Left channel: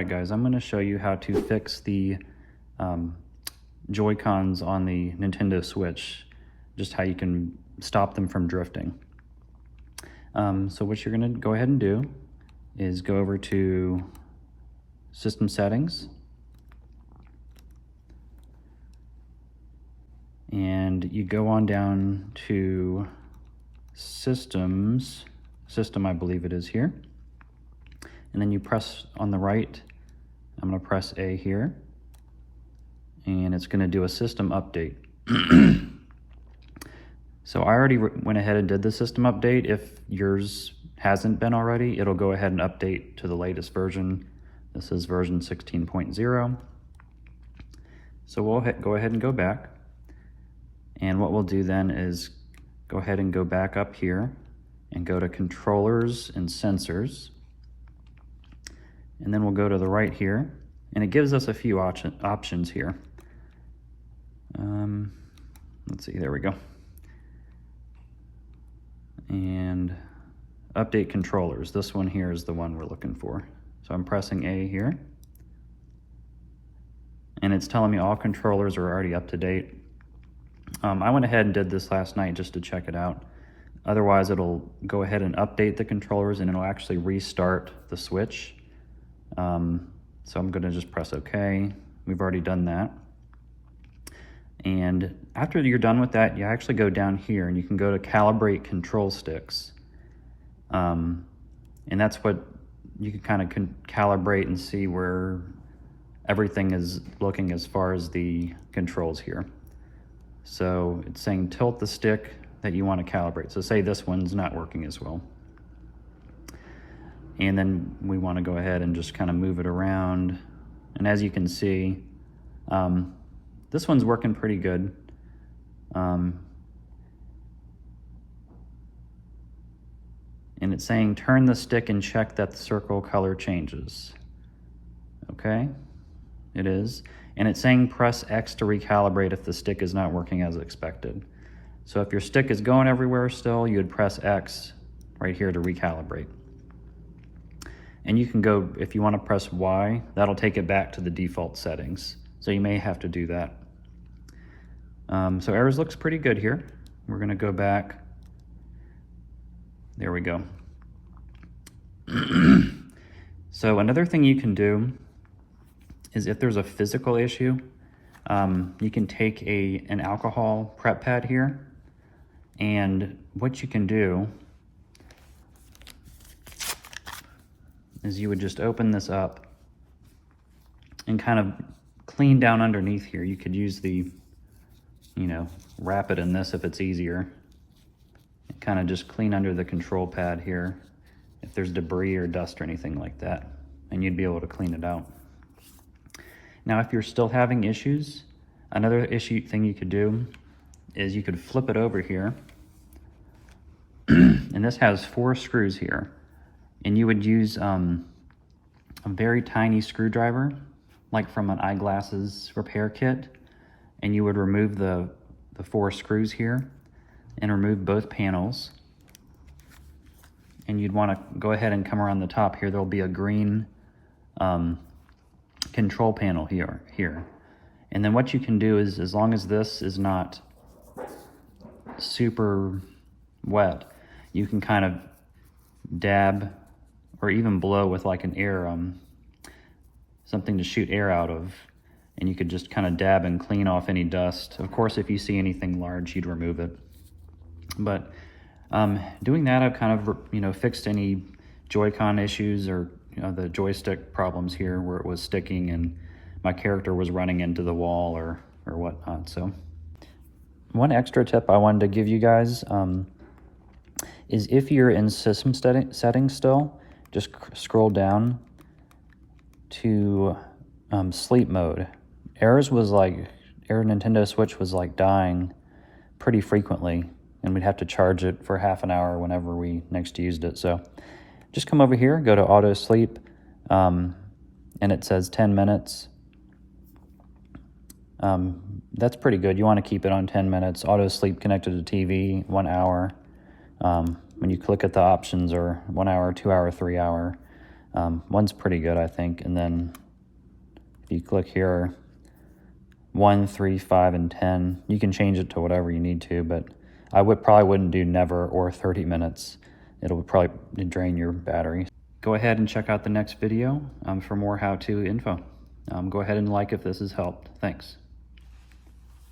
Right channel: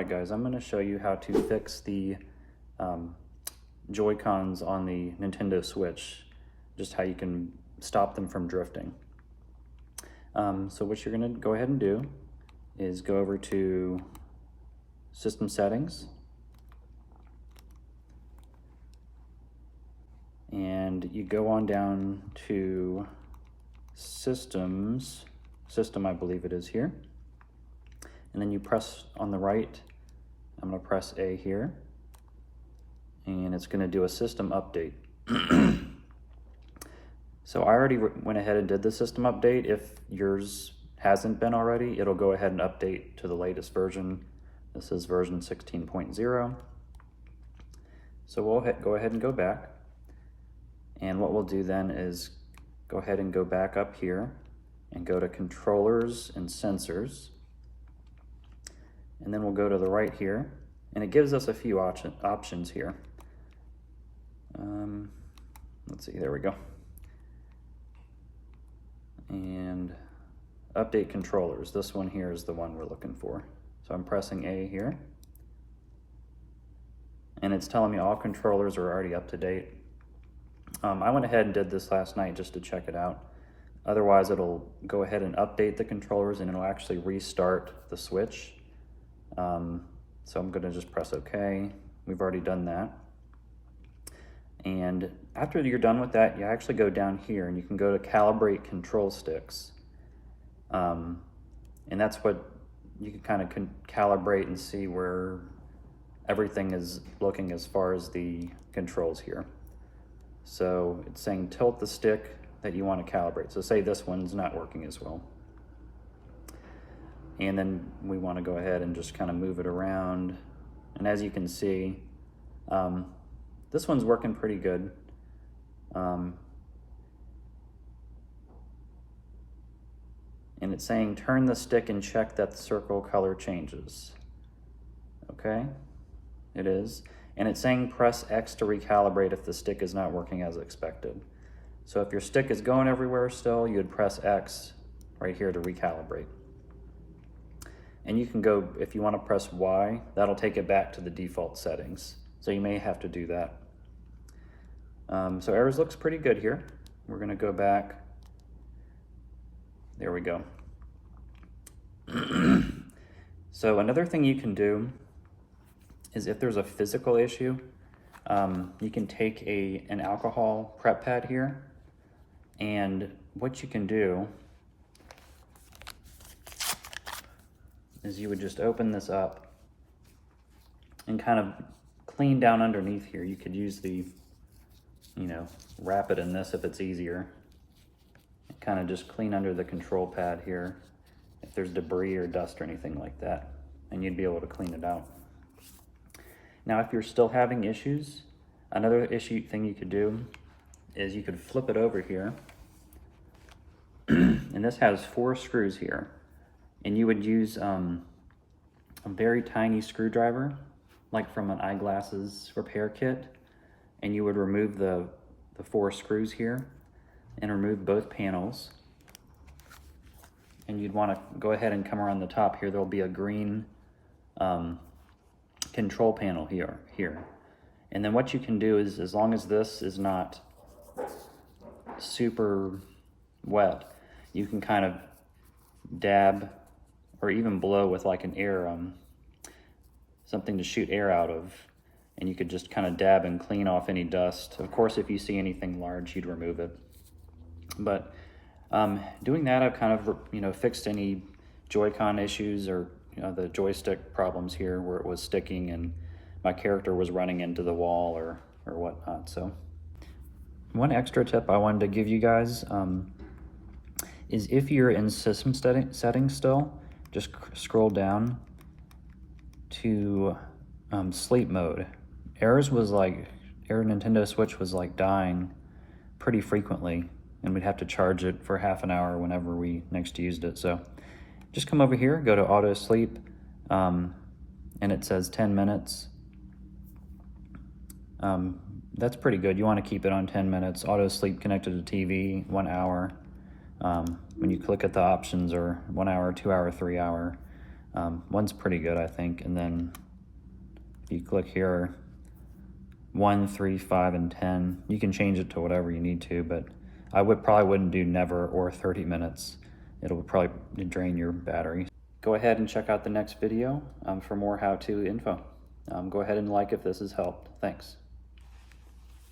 Alright guys, I'm going to show you how to fix the Joy-Cons on the Nintendo Switch, just how you can stop them from drifting. So what you're going to go ahead and do is go over to System Settings, and you go on down to System I believe it is here, and then you press on the right. I'm going to press A here, and it's going to do a system update. So I already went ahead and did the system update. If yours hasn't been already, it'll go ahead and update to the latest version. This is version 16.0. So we'll go ahead and go back. And what we'll do then is go ahead and go back up here and go to Controllers and Sensors. And then we'll go to the right here, and it gives us a few options here. Let's see, there we go. And update controllers. This one here is the one we're looking for. So I'm pressing A here, and it's telling me all controllers are already up to date. I went ahead and did this last night just to check it out. Otherwise, it'll go ahead and update the controllers, and it'll actually restart the Switch. So I'm going to just press OK. We've already done that. And after you're done with that, you actually go down here and you can go to Calibrate Control Sticks. And that's what you can kind of calibrate and see where everything is looking as far as the controls here. So it's saying tilt the stick that you want to calibrate. So say this one's not working as well. And then we want to go ahead and just kind of move it around. And as you can see, this one's working pretty good. And it's saying turn the stick and check that the circle color changes. Okay, it is. And it's saying press X to recalibrate if the stick is not working as expected. So if your stick is going everywhere still, you would press X right here to recalibrate. And you can go, if you want to press Y, that'll take it back to the default settings. So you may have to do that. So errors looks pretty good here. We're going to go back. There we go. So another thing you can do is if there's a physical issue, you can take an alcohol prep pad here, and what you can do is you would just open this up and kind of clean down underneath here. You could use the, wrap it in this if it's easier. Kind of just clean under the control pad here if there's debris or dust or anything like that, and you'd be able to clean it out. Now, if you're still having issues, another thing you could do is you could flip it over here, and this has 4 screws here, and you would use a very tiny screwdriver, like from an eyeglasses repair kit, and you would remove the 4 screws here and remove both panels. And you'd want to go ahead and come around the top here. There'll be a green control panel here. And then what you can do is, as long as this is not super wet, you can kind of dab or even blow with like an air, something to shoot air out of, and you could just kind of dab and clean off any dust. Of course, if you see anything large, you'd remove it. But doing that, I've kind of fixed any Joy-Con issues or the joystick problems here where it was sticking and my character was running into the wall or whatnot. So one extra tip I wanted to give you guys is if you're in system settings still, just scroll down to sleep mode. Error Nintendo Switch was like dying pretty frequently, and we'd have to charge it for half an hour whenever we next used it. So just come over here, go to auto sleep, and it says 10 minutes. That's pretty good. You want to keep it on 10 minutes. Auto sleep connected to TV, 1 hour. When you click at the options, or 1 hour, 2 hour, 3 hour. One's pretty good, I think. And then if you click here, 1, 3, 5, and 10, you can change it to whatever you need to, but I probably wouldn't do never or 30 minutes. It'll probably drain your battery. Go ahead and check out the next video for more how-to info. Go ahead and like if this has helped. Thanks.